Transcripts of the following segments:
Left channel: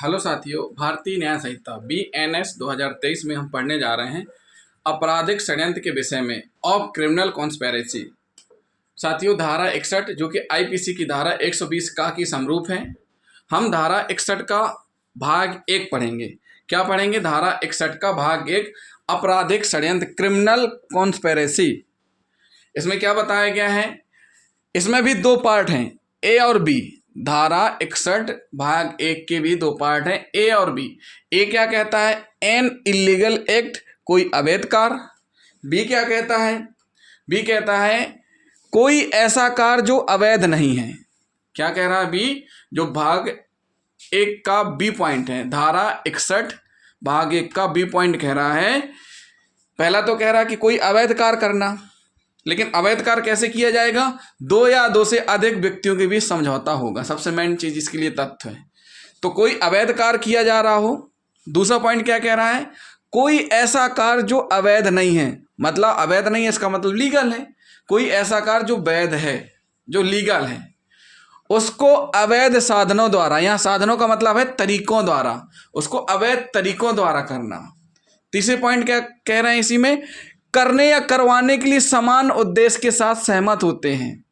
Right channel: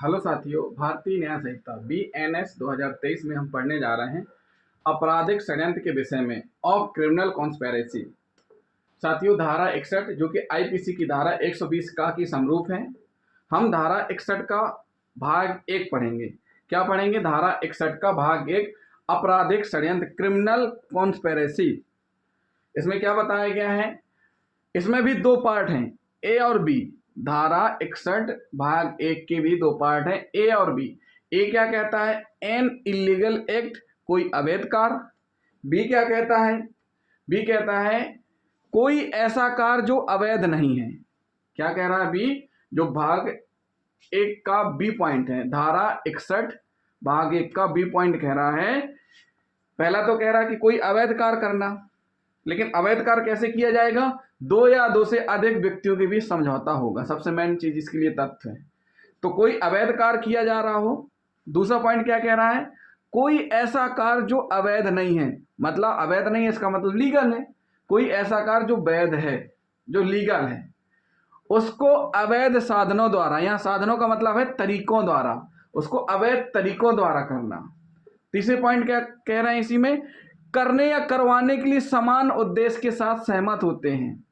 Hello साथियों, भारतीय न्याय संहिता BNS 2023 में हम पढ़ने जा रहे हैं आपराधिक षड्यंत्र के विषय में ऑफ क्रिमिनल कॉन्स्पिरेसी। साथियों, धारा 61 जो कि IPC की धारा 120 का की समरूप है। हम धारा 61 का भाग 1 पढ़ेंगे। क्या पढ़ेंगे? धारा 61 का भाग 1 आपराधिक षड्यंत्र क्रिमिनल कॉन्स्पिरेसी। इसमें क्या बताया गया है? इसमें भी दो पार्ट हैं, ए और बी। धारा 61 भाग 1 के भी दो पार्ट हैं, ए और बी। ए क्या कहता है? एन इलीगल एक्ट, कोई अवैध कार्य। बी क्या कहता है? बी कहता है कोई ऐसा कार्य जो अवैध नहीं है। क्या कह रहा है बी? जो भाग 1 का बी पॉइंट है, धारा 61 भाग 1 का बी पॉइंट कह रहा है। पहला तो कह रहा है कि कोई अवैध कार्य करना, लेकिन अवैध कार्य कैसे किया जाएगा? दो या दो से अधिक व्यक्तियों के बीच समझौता होगा। सबसे मेन चीज इसके लिए तथ्य है। तो कोई अवैध कार्य किया जा रहा हो। दूसरा पॉइंट क्या कह रहा है? कोई ऐसा कार्य जो अवैध नहीं है। मतलब अवैध नहीं है इसका मतलब लीगल है। कोई ऐसा कार्य जो वैध है, जो लीगल है, उसको अवैध साधनों द्वारा, यहां साधनों का मतलब है तरीकों द्वारा, उसको अवैध तरीकों द्वारा करना। तीसरे पॉइंट क्या कह रहे हैं इसी में? करने या करवाने के लिए समान उद्देश्य के साथ सहमत होते हैं,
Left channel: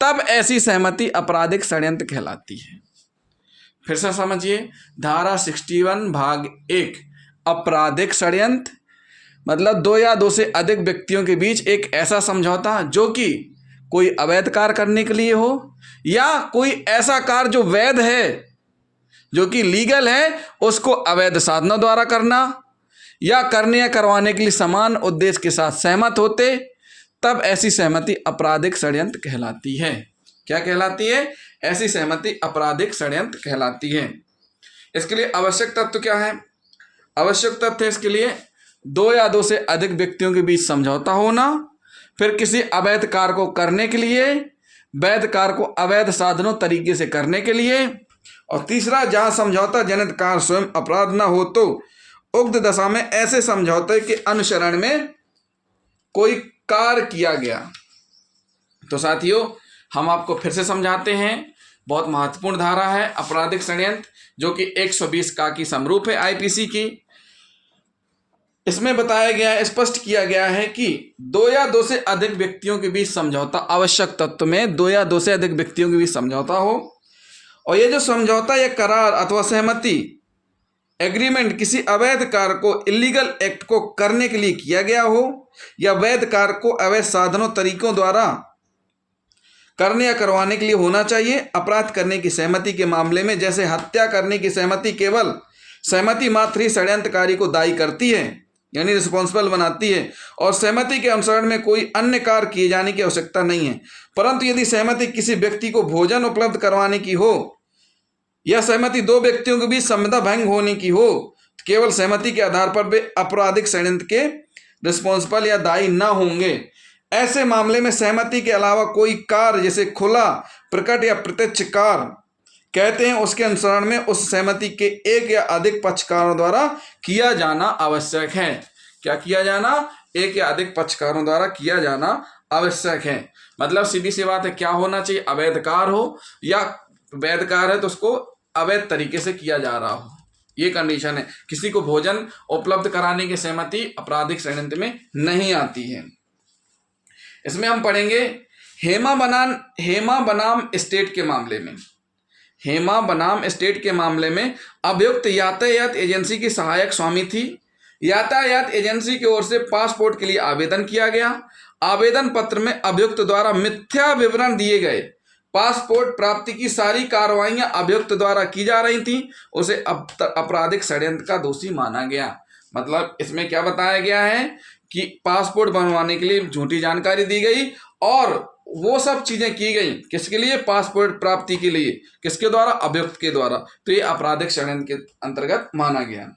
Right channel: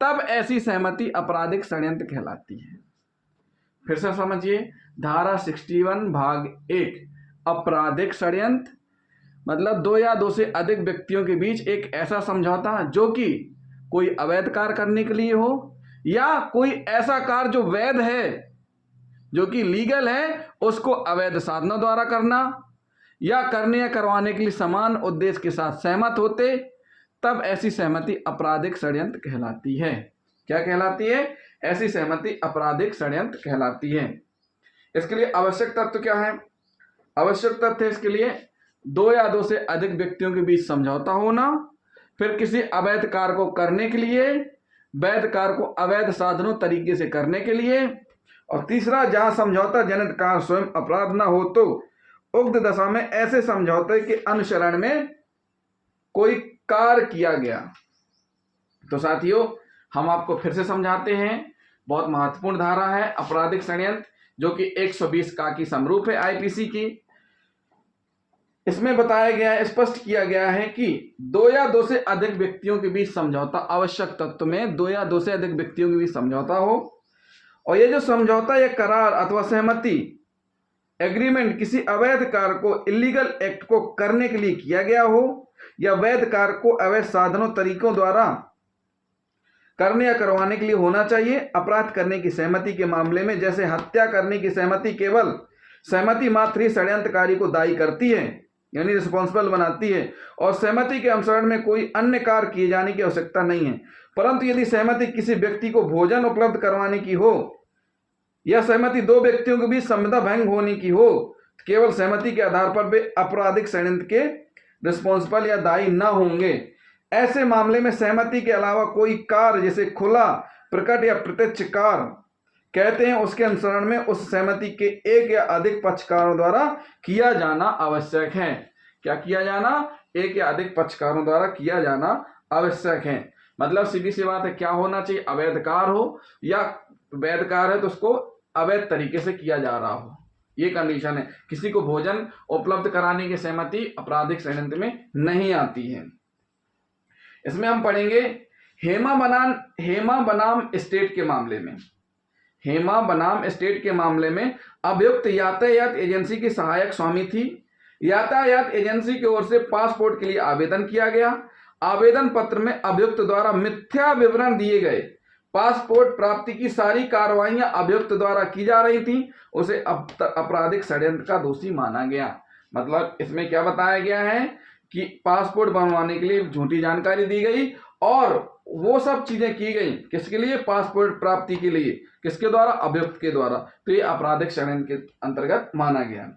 तब ऐसी सहमति आपराधिक षड्यंत्र कहलाती है। फिर से समझिए, धारा 61 भाग 1 आपराधिक षड्यंत्र मतलब दो या दो से अधिक व्यक्तियों के बीच एक ऐसा समझौता जो कि कोई अवैध कार्य करने के लिए हो, या कोई ऐसा कार्य जो वैध है, जो कि लीगल है, उसको अवैध साधनों द्वारा करना, या करने या करवाने के लिए समान उद्देश्य के साथ सहमत होते, तब ऐसी सहमति आपराधिक षड्यंत्र कहलाती है। क्या कहलाती है? ऐसी सहमति आपराधिक षड्यंत्र कहलाती है। इसके लिए आवश्यक तत्व क्या है? आवश्यक तथ्य इसके लिए दो या दो से अधिक व्यक्तियों के बीच समझौता होना, फिर किसी अवैध कार्य को करने के लिए, वैध कार्य को अवैध साधनों तरीके से करने के लिए, और तीसरा जहां समझौता जनित कार्य स्वयं अपराध न हो तो उक्त दशा में ऐसे समझौते के अनुसरण में कोई कार्य किया गया। तो साथियों, हम आपको फिर से समझाते हैं। बहुत महत्वपूर्ण धारा है आपराधिक षड्यंत्र, जो कि 120 का की समरूप है IPC की। इसमें बताया गया है, स्पष्ट किया गया है कि दो या दो से अधिक व्यक्तियों के बीच समझौता, आवश्यक तत्व में दो या दो से अधिक व्यक्तियों के बीच समझौता हो, और ये जो समझौता या करार अथवा सहमति एग्रीमेंट किसी अवैध कार्य को, इलीगल एक्ट को करने के लिए किया गया हो, या वैध कार्य को अवैध साधनों तरीकों द्वारा करने या करवाने के लिए होना चाहिए। अपराध करने की सहमति के मामले में, जैसे हत्या करने की सहमति केवल सहमति मात्र ही षड्यंत्रकारी को दायी करती है, यानी रिस्पॉन्सिबल बनाती है, और सहमति के अनुसरण में कोई अन्य कार्य किए जाने की आवश्यकता नहीं है। परंतु यदि सहमति किसी व्यक्ति को भोजन उपलब्ध करवाने की हो, यह सहमति दो व्यक्तियों के बीच संविदा भंग होने की हो, तो केवल सहमति के आधार पर वे आपराधिक षड्यंत्र के रिस्पॉन्सिबल या दायी न होंगे। ऐसे मामले में सहमति के अलावा कोई कार्य, जैसे खुला, प्रकट या प्रत्यक्ष कार्य कहते हैं, उसके अनुसरण में उस सहमति के एक या अधिक पक्षकारों द्वारा किया जाना आवश्यक है। क्या किया जाना? एक या अधिक पक्षकारों द्वारा किया जाना आवश्यक है। मतलब सीधी सी बात है, क्या होना चाहिए? अवैध कार्य हो या वैध कार्य है तो उसको अवैध तरीके से किया जा रहा हो, ये कंडीशन है। किसी को भोजन उपलब्ध कराने की सहमति आपराधिक षड्यंत्र में नहीं आती है। इसमें हम पढ़ेंगे हेमा बनाम स्टेट के मामले में। हेमा बनाम स्टेट के मामले में अभियुक्त यातायात एजेंसी की सहायक स्वामी थी। यातायात एजेंसी की ओर से पासपोर्ट के लिए आवेदन किया गया। आवेदन पत्र में अभियुक्त द्वारा मिथ्या विवरण दिए गए। पासपोर्ट प्राप्ति की सारी कार्रवाइयां अभियुक्त द्वारा की जा रही थी। उसे आपराधिक षड्यंत्र का दोषी माना गया। मतलब इसमें क्या बताया गया है कि पासपोर्ट बनवाने के लिए झूठी जानकारी दी गई, और वो सब चीजें की गई किसके लिए? पासपोर्ट प्राप्ति के लिए। किसके द्वारा? अभियुक्त के द्वारा। तो ये आपराधिक षड्यंत्र के अंतर्गत माना गया।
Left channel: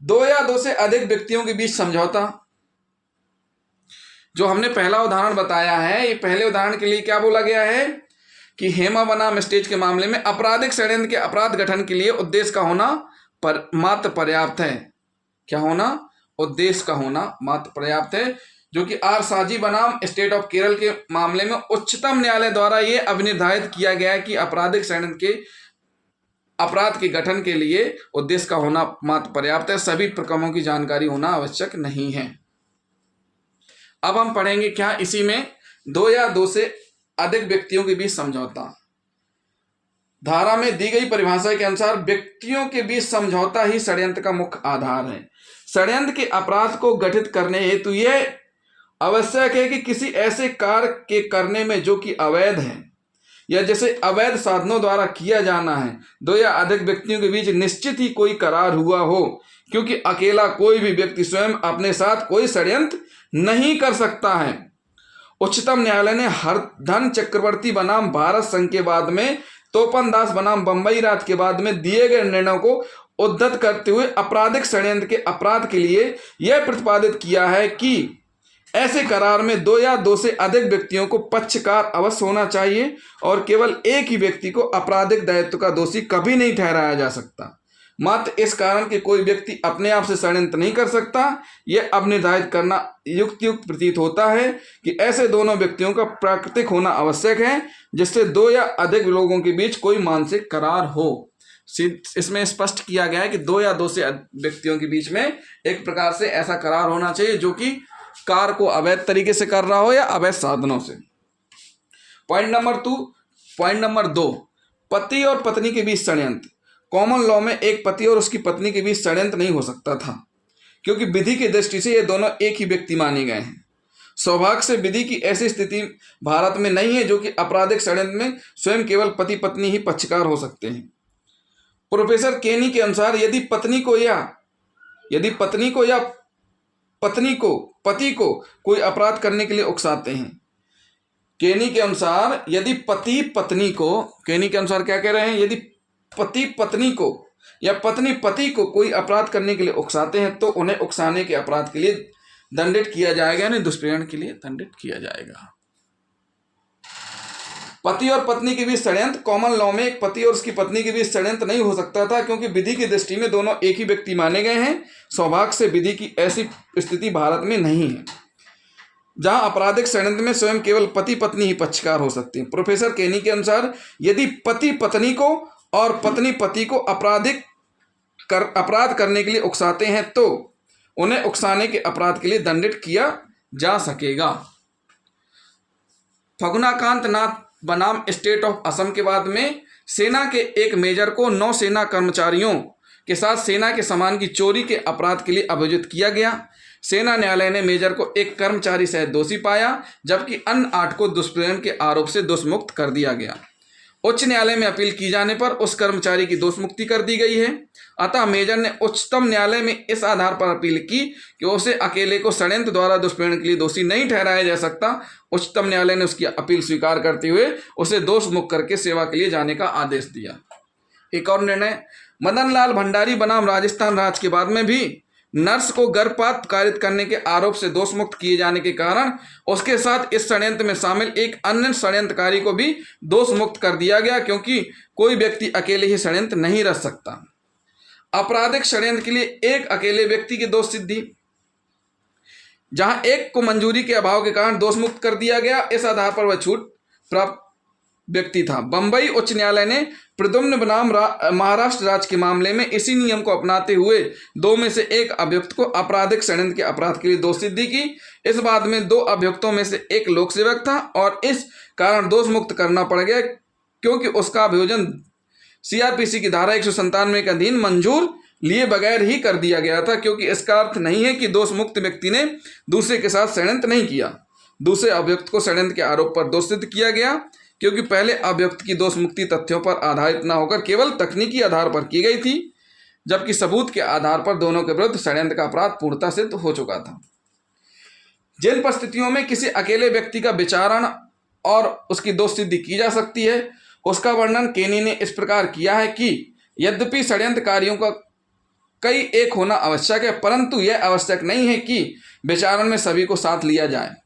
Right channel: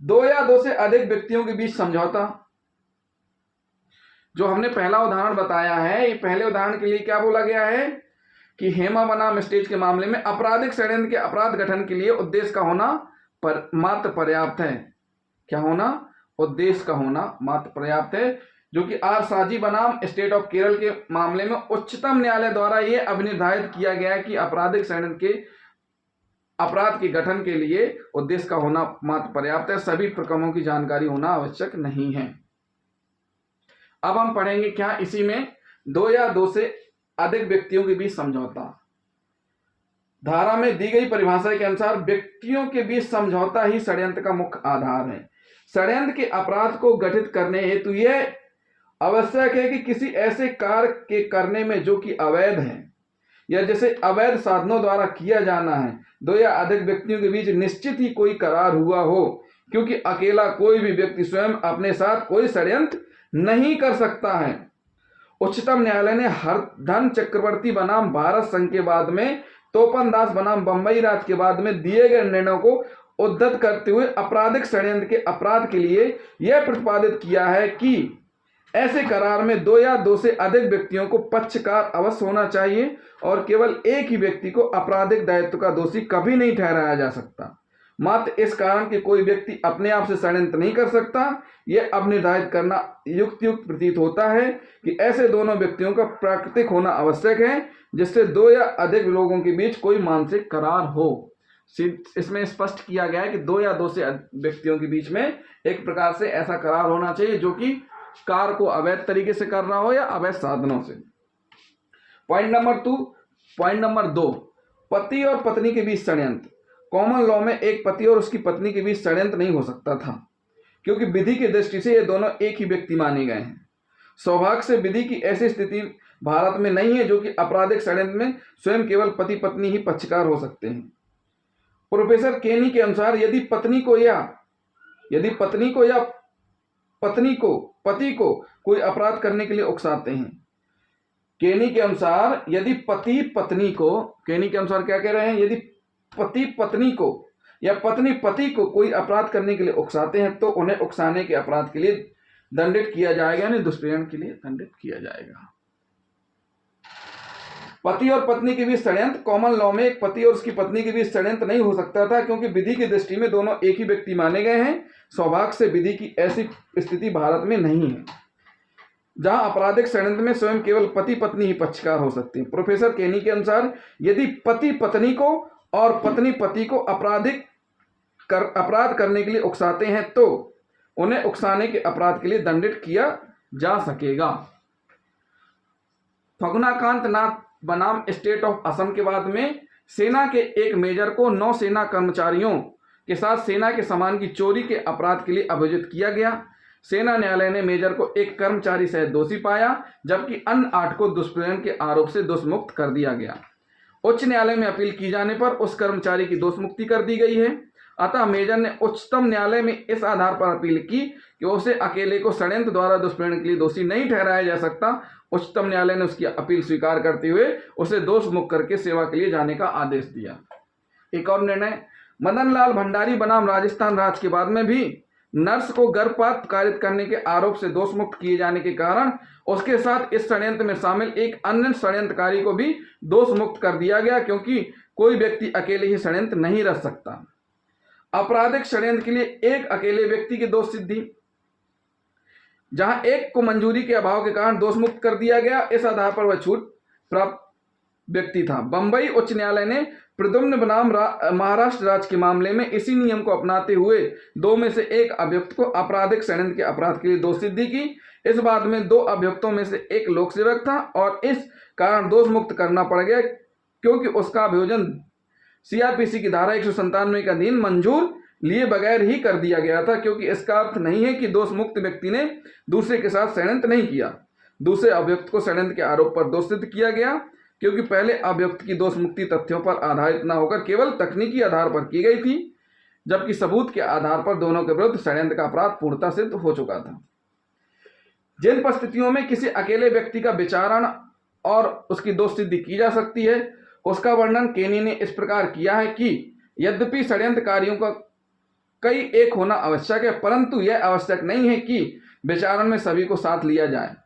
दो या दो से अधिक व्यक्तियों के बीच समझौता, जो हमने पहला उदाहरण बताया है, ये पहले उदाहरण के लिए क्या बोला गया है कि हेमा बनाम स्टेट के मामले में आपराधिक षड्यंत्र के अपराध गठन के लिए उद्देश्य का होना मात्र पर्याप्त है। क्या होना? उद्देश्य का होना मात्र पर्याप्त है। जो कि आर साजी बनाम स्टेट ऑफ केरल के मामले में उच्चतम न्यायालय द्वारा यह अभिनिर्धारित किया गया है कि आपराधिक षड्यंत्र के अपराध के गठन के लिए उद्देश्य का होना मात्र पर्याप्त है, सभी प्रकरणों की जानकारी होना आवश्यक नहीं है। अब हम पढ़ेंगे क्या इसी में दो या दो से अधिक व्यक्तियों के बीच समझौता। धारा में दी गई परिभाषा के अनुसार व्यक्तियों के बीच समझौता ही षड्यंत्र का मुख्य आधार है। षड्यंत्र के अपराध को गठित करने हेतु यह आवश्यक है कि किसी ऐसे कार्य के करने में जो कि अवैध है या जिसे अवैध साधनों द्वारा किया जाना है, दो या अधिक व्यक्तियों के बीच निश्चित ही कोई करार हुआ हो, क्योंकि अकेला कोई भी व्यक्ति स्वयं अपने साथ कोई षड्यंत्र नहीं कर सकता है। उच्चतम न्यायालय ने हरधन चक्रवर्ती बनाम भारत संघ के बाद में तोपन दास बनाम बंबई राज के बाद में दिए गए निर्णयों को उद्धृत करते हुए आपराधिक षड्यंत्र के अपराध के लिए यह प्रतिपादित किया है कि ऐसे करार में दो या दो से अधिक व्यक्तियों को पक्षकार अवश्य होना चाहिए और केवल एक ही व्यक्ति को आपराधिक दायित्व का दोषी कभी नहीं ठहराया जा सकता। मात्र इस कारण कि कोई व्यक्ति अपने आप से षड्यंत्र नहीं कर सकता, यह अब निर्धारित करना युक्त प्रतीत होता है कि ऐसे दोनों व्यक्तियों का प्राकृतिक होना आवश्यक है, जिससे दो या अधिक लोगों के बीच कोई मानसिक करार हो। इसमें स्पष्ट किया गया है कि दो या दो से व्यक्तियों के बीच में एक प्रकार से ऐसा करार होना चाहिए जो कि कार्य को अवैध तरीके से कर रहा हो या अवैध साधनों से। पॉइंट नंबर 2, पति और पत्नी के बीच षड्यंत्र। कॉमन लॉ में एक पति और उसकी पत्नी के बीच षड्यंत्र नहीं हो सकता था, क्योंकि विधि की दृष्टि से ये दोनों एक ही व्यक्ति माने गए हैं। सौभाग्य से विधि की ऐसी स्थिति भारत में नहीं है जो कि आपराधिक षड्यंत्र में स्वयं केवल पति पत्नी ही पक्षकार हो सकते हैं। प्रोफेसर केनी के अनुसार यदि पत्नी को पति को कोई अपराध करने के लिए उकसाते हैं, केनी के अनुसार यदि केनी के अनुसार क्या कह रहे हैं, यदि पति पत्नी को या पत्नी पति को कोई अपराध करने के लिए उकसाते हैं तो उन्हें उकसाने के अपराध के लिए दंडित किया जाएगा, यानी दुष्प्रेरण के लिए दंडित किया जाएगा। पति और पत्नी के बीच षड्यंत्र। कॉमन लॉ में एक पति और उसकी पत्नी के बीच षड्यंत्र नहीं हो सकता था, क्योंकि विधि की दृष्टि में दोनों एक ही व्यक्ति माने गए हैं। सौभाग्य से विधि की ऐसी स्थिति भारत में नहीं है, जहां आपराधिक षड्यंत्र में स्वयं केवल पति पत्नी ही पक्षकार हो सकते हैं। प्रोफेसर केनी के अनुसार यदि पति पत्नी को और पत्नी पति को अपराध करने के लिए उकसाते हैं तो उन्हें उकसाने के अपराध के लिए दंडित किया जा सकेगा। फगुनाकांत नाथ बनाम स्टेट ऑफ असम के बाद में सेना के एक मेजर को नौसेना कर्मचारियों के साथ सेना के सामान की चोरी के अपराध के लिए अभियुक्त किया गया। सेना न्यायालय ने मेजर को एक कर्मचारी सहित दोषी पाया, जबकि अन्य 8 को दुष्प्रेरण के आरोप से दोषमुक्त कर दिया गया। उच्च न्यायालय में अपील की जाने पर उस कर्मचारी की दोषमुक्ति कर दी गई है। अतः मेजर ने उच्चतम न्यायालय में इस आधार पर अपील की कि उसे अकेले को षड्यंत्र द्वारा दुष्प्रेरण के लिए दोषी नहीं ठहराया जा सकता। उच्चतम न्यायालय ने उसकी अपील स्वीकार करते हुए उसे दोष मुक्त करके सेवा के लिए जाने का आदेश दिया। एक और निर्णय, मदन लाल भंडारी बनाम राजस्थान राज्य के बाद में भी नर्स को गर्भपात कारित करने के आरोप से दोष मुक्त किए जाने के कारण उसके साथ इस षड्यंत्र में शामिल एक अन्य षड्यंत्रकारी को भी दोष मुक्त कर दिया गया, क्योंकि कोई व्यक्ति अकेले ही षड्यंत्र नहीं रच सकता। आपराधिक षड्यंत्र के लिए एक अकेले व्यक्ति की दोष सिद्धि, जहां एक को मंजूरी के अभाव के कारण दोष मुक्त कर दिया गया, इस आधार पर वह छूट प्राप्त व्यक्ति था। बंबई उच्च न्यायालय ने प्रद्युम्न बनाम महाराष्ट्र राज्य के मामले में इसी नियम को अपनाते हुए 2 में से एक अभियुक्त को आपराधिक षड्यंत्र के अपराध के लिए दोष सिद्धि की। इस बाद में 2 अभियुक्तों में से एक लोक सेवक था और इस कारण दोष मुक्त करना पड़ गया, क्योंकि उसका अभियोजन सीआरपीसी की धारा 197 के अधीन मंजूर लिए बगैर ही कर दिया गया था, क्योंकि इसका अर्थ नहीं है कि दोष मुक्त व्यक्ति ने दूसरे के साथ षड्यंत्र नहीं किया। दूसरे अभियुक्त को षड्यंत्र के आरोप पर दोष सिद्ध किया गया, क्योंकि पहले अभियुक्त की दोष मुक्ति तथ्यों पर आधारित न होकर केवल तकनीकी आधार पर की गई थी, जबकि सबूत के आधार पर दोनों के विरुद्ध षड्यंत्र का अपराध पूर्णतः सिद्ध हो चुका था। जिन परिस्थितियों में किसी अकेले व्यक्ति का विचारण और उसकी दोष सिद्धि की जा सकती है, उसका वर्णन केनी ने इस प्रकार किया है कि यद्यपि षड्यंत्रकारियों का कई एक होना आवश्यक है, परंतु यह आवश्यक नहीं है कि विचारण में सभी को साथ लिया जाए।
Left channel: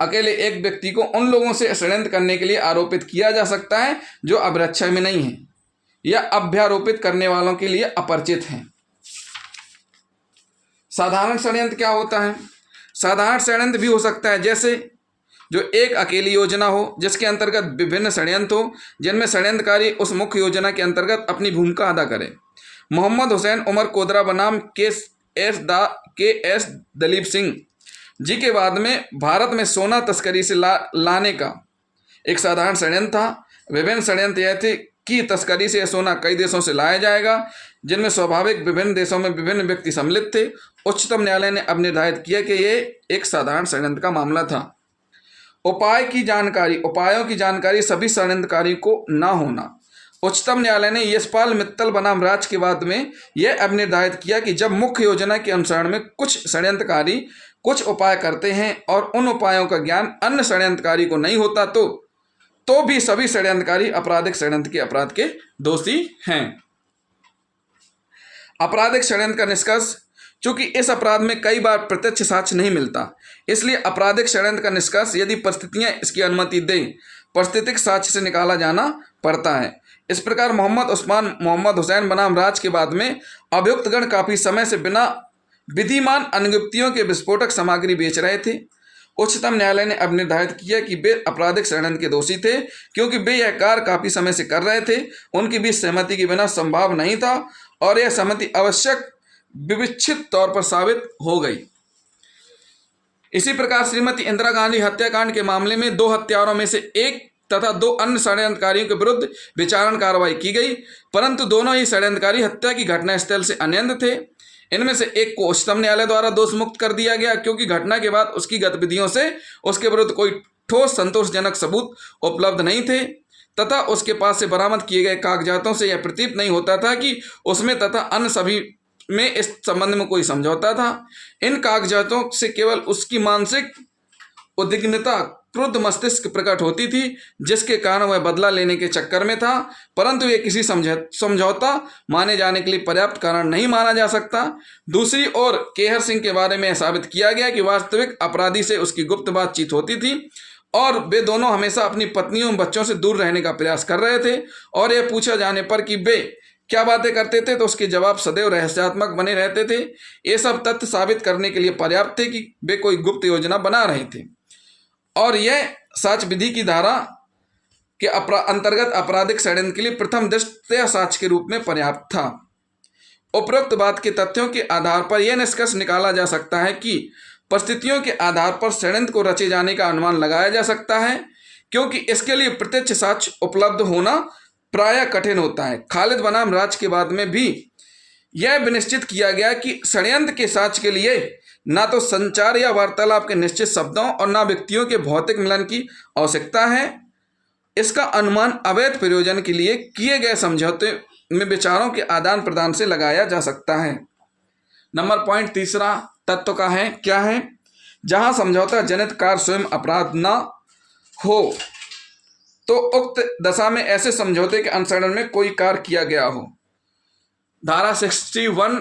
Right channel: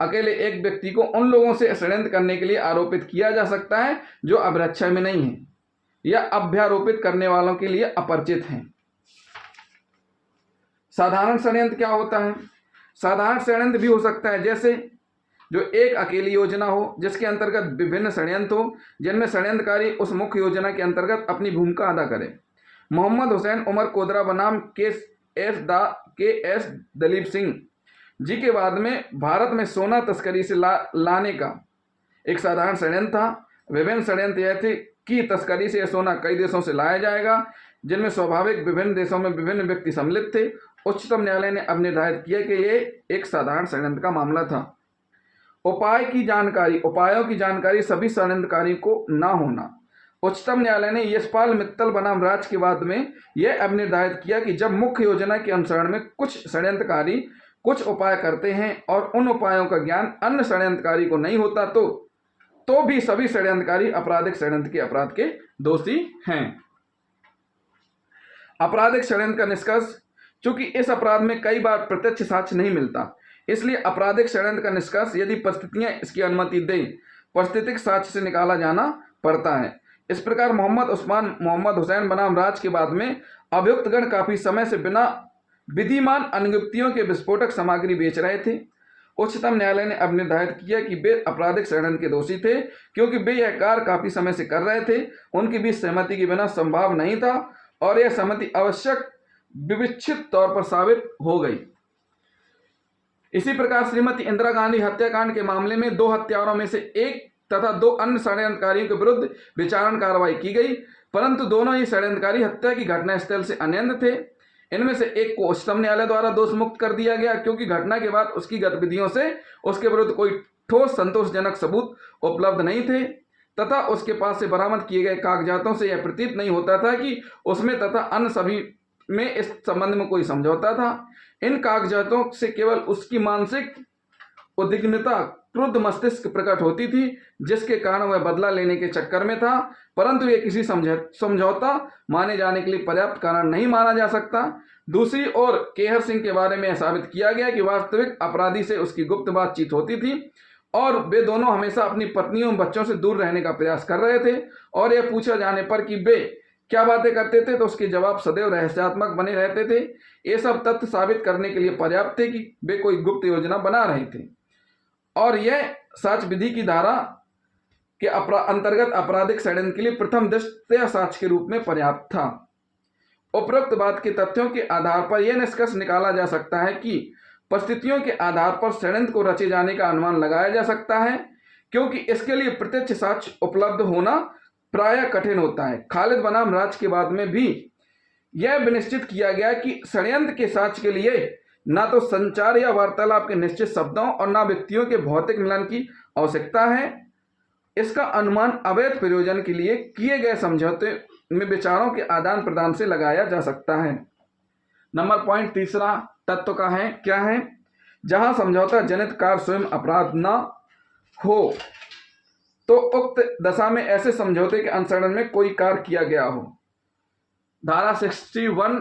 अकेले एक व्यक्ति को उन लोगों से षड्यंत्र करने के लिए आरोपित किया जा सकता है जो अभ्रक्षय में नहीं है या अभ्यारोपित करने वालों के लिए अपरिचित हैं। साधारण षड्यंत्र क्या होता है? साधारण षड्यंत्र भी हो सकता है, जैसे जो एक अकेली योजना हो जिसके अंतर्गत विभिन्न षड्यंत्र हो जिनमें षड्यंत्रकारी उस मुख्य योजना के अंतर्गत अपनी भूमिका अदा करे। मोहम्मद हुसैन उमर कोदरा बनाम के एस दलीप सिंह जी के बाद में भारत में सोना तस्करी से लाने का एक साधारण षड्यंत्र था। विभिन्न षड्यंत्र यह थे कि तस्करी से यह सोना कई देशों से लाया जाएगा, जिनमें स्वाभाविक विभिन्न देशों में विभिन्न व्यक्ति सम्मिलित थे। उच्चतम न्यायालय ने अब निर्धारित किया कि यह एक साधारण षड्यंत्र का मामला था। उपायों की जानकारी सभी षड्यंत्रकारी को न होना। उच्चतम न्यायालय ने यशपाल मित्तल बनाम राज के बाद में यह अब निर्धारित किया कि जब मुख्य योजना के अनुसरण में कुछ षड्यंत्रकारी कुछ उपाय करते हैं और उन उपायों का ज्ञान अन्य षड्यंत्रकारी को नहीं होता तो भी सभी षड्यंत्रकारी आपराधिक षड्यंत्र के अपराध के दोषी हैं। आपराधिक षड्यंत्र का निष्कर्ष। चूंकि इस अपराध में कई बार प्रत्यक्ष साक्ष्य नहीं मिलता, इसलिए आपराधिक षड्यंत्र का निष्कर्ष यदि परिस्थितियां इसकी अनुमति दें प्राकृतिक साक्ष्य से निकाला जाना पड़ता है। इस प्रकार मोहम्मद हुसैन बनाम राज के बाद में अभियुक्तगण काफी समय से बिना विधिमान अनुयुक्तियों के विस्फोटक सामग्री बेच रहे थे। उच्चतम न्यायालय ने अब निर्धारित किया कि वे आपराधिक षड्यंत्र के दोषी थे क्योंकि वे यह कार्य काफी समय से कर रहे थे, उनके बीच सहमति के बिना संभव नहीं था और यह सहमति आवश्यक विविक्षित तौर पर साबित हो गई। इसी प्रकार श्रीमती इंदिरा गांधी हत्याकांड के मामले में 2 हत्यारों में से एक तथा 2 अन्य षड्यंत्रकारियों के विरुद्ध विचारण कार्रवाई की गई, परंतु दोनों ही षड्यंत्रकारी हत्या की घटनास्थल से अन्यत्र थे। इनमें से एक को उच्चतम न्यायालय द्वारा दोष मुक्त कर दिया गया क्योंकि घटना के बाद उसकी गतिविधियों से उसके विरुद्ध कोई ठोस संतोषजनक सबूत उपलब्ध नहीं थे तथा उसके पास से बरामद किए गए कागजातों से यह प्रतीत नहीं होता था कि उसमें तथा अन्य सभी में इस संबंध में कोई समझौता था। इन कागजातों से केवल उसकी मानसिक उद्विग्नता क्रुद्ध मस्तिष्क प्रकट होती थी जिसके कारण वह बदला लेने के चक्कर में था, परंतु यह किसी समझौता माने जाने के लिए पर्याप्त कारण नहीं माना जा सकता। दूसरी ओर केहर सिंह के बारे में साबित किया गया कि वास्तविक अपराधी से उसकी गुप्त बातचीत होती थी और वे दोनों हमेशा अपनी पत्नियों और बच्चों से दूर रहने का प्रयास कर रहे थे और यह पूछा जाने पर कि वे क्या बातें करते थे तो उसके जवाब सदैव रहस्यात्मक बने रहते थे। ये सब तथ्य साबित करने के लिए पर्याप्त थे कि वे कोई गुप्त योजना बना रहे थे और यह साक्ष्य विधि की धारा के अंतर्गत आपराधिक षड्यंत्र के लिए प्रथम दृष्टया साक्ष्य के रूप में पर्याप्त था। उपरोक्त बात के तथ्यों के आधार पर यह निष्कर्ष निकाला जा सकता है कि परिस्थितियों के आधार पर षड्यंत्र को रचे जाने का अनुमान लगाया जा सकता है क्योंकि इसके लिए प्रत्यक्ष साक्ष्य उपलब्ध होना प्रायः कठिन होता है। खालिद बनाम राज के बाद में भी यह विनिश्चित किया गया कि षड्यंत्र के साक्ष्य के लिए न तो संचार या वार्तालाप के निश्चित शब्दों और न व्यक्तियों के भौतिक मिलन की आवश्यकता है। इसका अनुमान अवैध प्रयोजन के लिए किए गए समझौते में विचारों के आदान प्रदान से लगाया जा सकता है। नंबर पॉइंट तीसरा तत्व का है क्या है, जहां समझौता जनित कार्य स्वयं अपराध न हो तो उक्त दशा में ऐसे समझौते के अनुसरण में कोई कार्य किया गया हो। धारा 61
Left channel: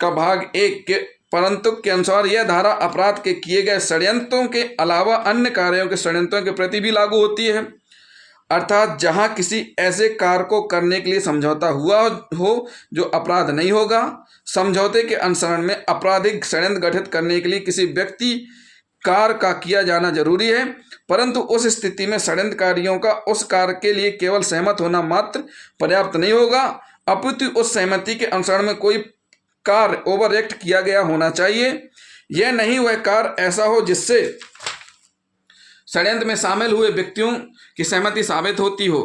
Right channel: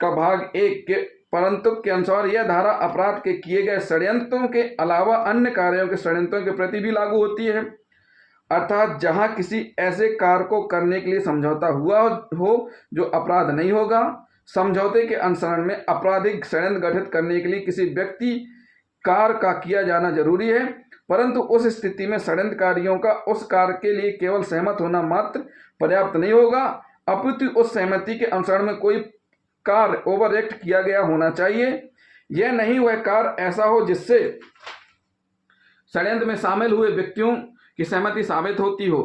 का भाग 1 के परंतु के अनुसार यह धारा अपराध के किए गए षड्यंत्रों के अलावा अन्य कार्यों के षड्यंत्रों के प्रति भी लागू होती है, अर्थात जहां किसी ऐसे कार्य को करने के लिए समझौता हुआ हो जो अपराध नहीं होगा। समझौते के अनुसरण में आपराधिक षड्यंत्र गठित करने के लिए किसी व्यक्ति कार्य का किया जाना जरूरी है, परंतु उस स्थिति में षड्यंत्रकारियों का उस कार्य के लिए केवल सहमत होना मात्र पर्याप्त नहीं होगा, अपितु उस सहमति के अनुसरण में कोई कार्य ओवरएक्ट किया गया होना चाहिए। यह नहीं वह कार्य ऐसा हो जिससे षड्यंत्र में शामिल हुए व्यक्तियों की सहमति साबित होती हो।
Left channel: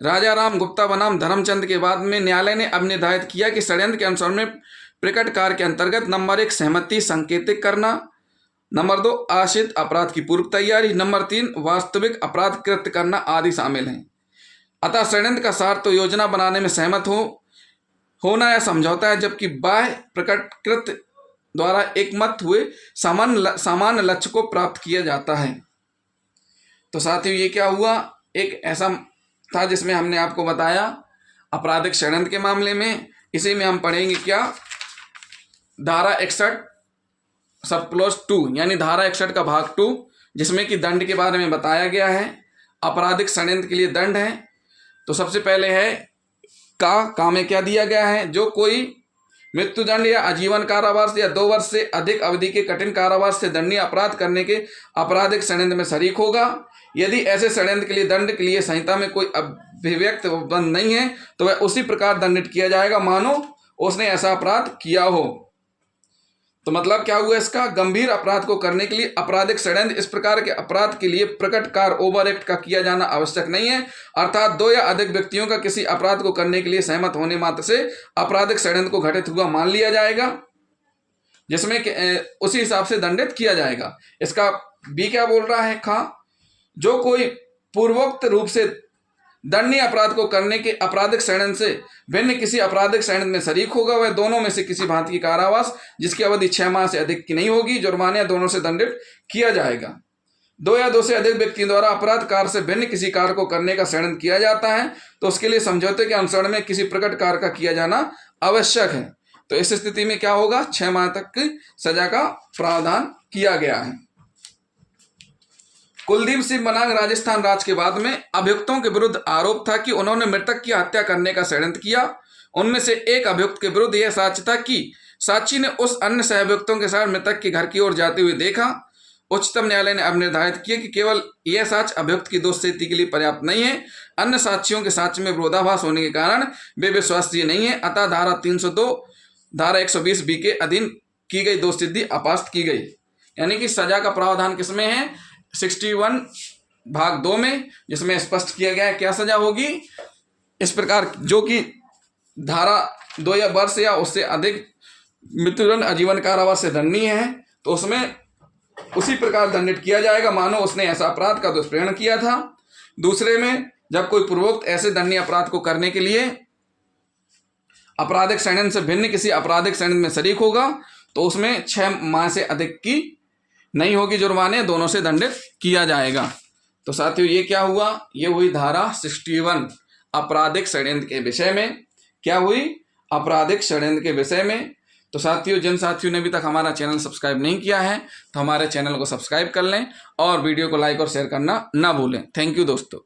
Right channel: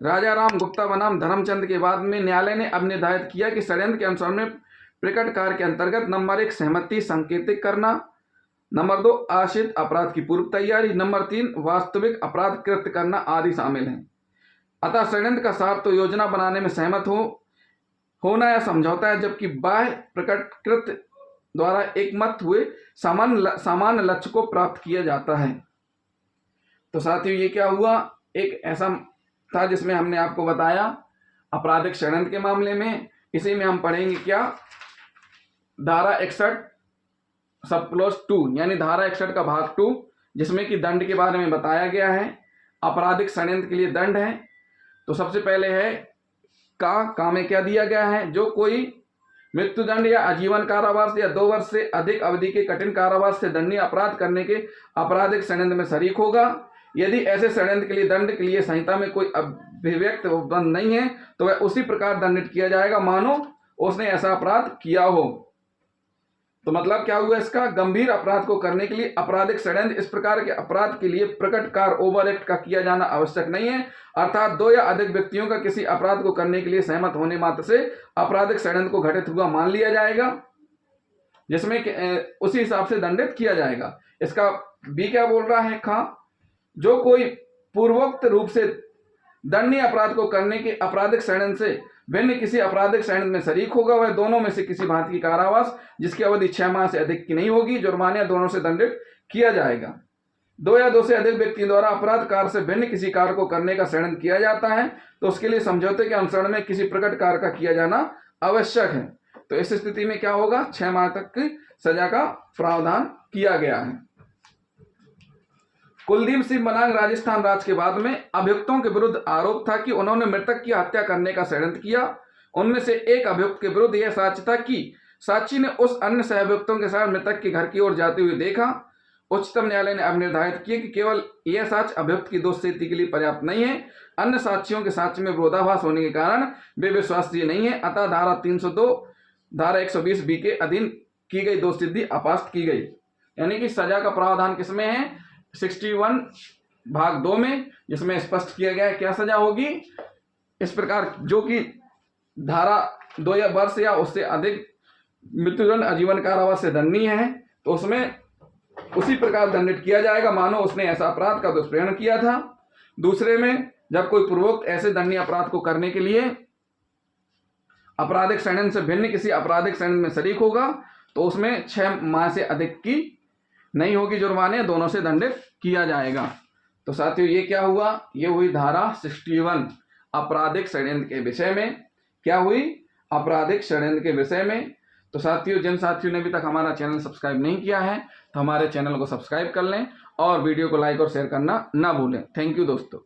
राजा राम गुप्ता बनाम धर्मचंद के बाद में न्यायालय ने अब निर्धारित किया कि षड्यंत्र के अनुसरण में प्रकट कार्य के अंतर्गत नंबर 1 सहमति संकेतिक करना, नंबर 2 आश्रित अपराध की पूर्व तैयारी, नंबर 3 वास्तविक अपराध कृत्य करना आदि शामिल हैं। अतः षड्यंत्र का सार तो योजना बनाने में सहमत होना या समझौता है, जबकि बाह्य प्रकट कृत्य द्वारा एकमत हुए सामान्य लक्ष्य को प्राप्त किया जाता है। तो साथियों ये क्या हुआ, एक ऐसा था जिसमें हमने आपको बताया आपराधिक षड्यंत्र के मामले में। इसी में हम पढ़ेंगे क्या, धारा 61 सब क्लॉज 2 यानी धारा 61 का भाग 2, जिसमें कि दंड के बारे में बताया गया है। आपराधिक षड्यंत्र के लिए दंड है। तो सबसे पहले है का में क्या दिया गया है, जो कोई मृत्युदंड या आजीवन कारावास या 2 वर्ष से अधिक अवधि के कठिन कारावास से दंडनीय अपराध करने के आपराधिक षड्यंत्र में शरीक होगा। यदि ऐसे षड्यंत्र के लिए दंड के लिए संहिता में कोई अभिव्यक्त बंद नहीं है तो वह उसी प्रकार दंडित किया जाएगा मानो उसने ऐसा अपराध किया हो। तो मतलब क्या हुआ, इसका गंभीर अपराध को करने के लिए आपराधिक षड्यंत्र इस प्रकार के अपराध के लिए प्रकट कार्य ओवर एक्ट का किया जाना आवश्यक नहीं है, अर्थात 2 या अधिक व्यक्तियों का किसी अपराध को करने के लिए सहमत होने मात्र से आपराधिक षड्यंत्र को घटित हुआ मान लिया जाएगा, जिसमें उसी हिसाब से दंडित किया जाएगा। इसका बी क्या बोल रहा है, जो कोई पूर्वोक्त रूप से दंडनीय अपराध को करने के आपराधिक षड्यंत्र से भिन्न किसी आपराधिक षड्यंत्र में शरीक होगा वह दोनों में से किसी भांति की कारावास जिसकी अवधि 6 माह से अधिक की नहीं होगी जुर्माना दोनों से दंडित किया जाएगा। 2 या 2 से अधिक व्यक्तियों द्वारा अपराध कार्य से भिन्न किसी कार्य को करने का षड्यंत्र किया जाता है तो उसके लिए समझौते के अनुसरण में किसी प्रकट कार्य का किया जाना आवश्यक है। तो इस स्थिति में क्या होगा, 6 माह तक की सजा का प्रावधान किया गया है। कुलदीप सिंह बनांग राजस्थान राज्य के बाद में अभियुक्तों के विरुद्ध आरोप था कि उन्होंने मृतक की हत्या करने का षड्यंत्र किया। उनमें से एक अभियुक्त के विरुद्ध यह साक्ष्य था कि साक्षी ने उस अन्य सहअभियुक्तों के साथ मृतक के घर की ओर जाते हुए देखा। उच्चतम न्यायालय ने अब निर्धारित किया कि केवल यह साक्ष्य अभियुक्त की दोष सिद्धि के लिए पर्याप्त नहीं है, अन्य साक्षियों के साक्ष्य में विरोधाभास होने के कारण वे विश्वसनीय नहीं है, अतः धारा 302 धारा 120B के अधीन की गई दोष सिद्धि अपास्त की गई। यानी कि सजा का प्रावधान किसमें है, 61 भाग 2 में, जिसमें स्पष्ट किया गया है क्या सजा होगी। इस प्रकार जो कि धारा 2 या वर्ष या उससे अधिक मृत्युदंड आजीवन कारावास से दंडनीय है तो उसमें उसी प्रकार दंडित किया जाएगा मानो उसने ऐसा अपराध का दुष्प्रेरण किया था। दूसरे में जब कोई पूर्वोक्त ऐसे दंडनीय अपराध को करने के लिए आपराधिक षड्यंत्र से भिन्न किसी आपराधिक षड्यंत्र में शरीक होगा तो उसमें 6 माह से अधिक की नहीं होगी जुर्माने, दोनों से दंडित किया जाएगा। तो साथियों ये क्या हुआ, ये हुई धारा 61 आपराधिक षड्यंत्र के विषय में। क्या हुई, आपराधिक षड्यंत्र के विषय में। तो साथियों जिन साथियों ने अभी तक हमारा चैनल सब्सक्राइब नहीं किया है तो हमारे चैनल को सब्सक्राइब कर लें और वीडियो को लाइक और शेयर करना ना भूलें। थैंक यू दोस्तों।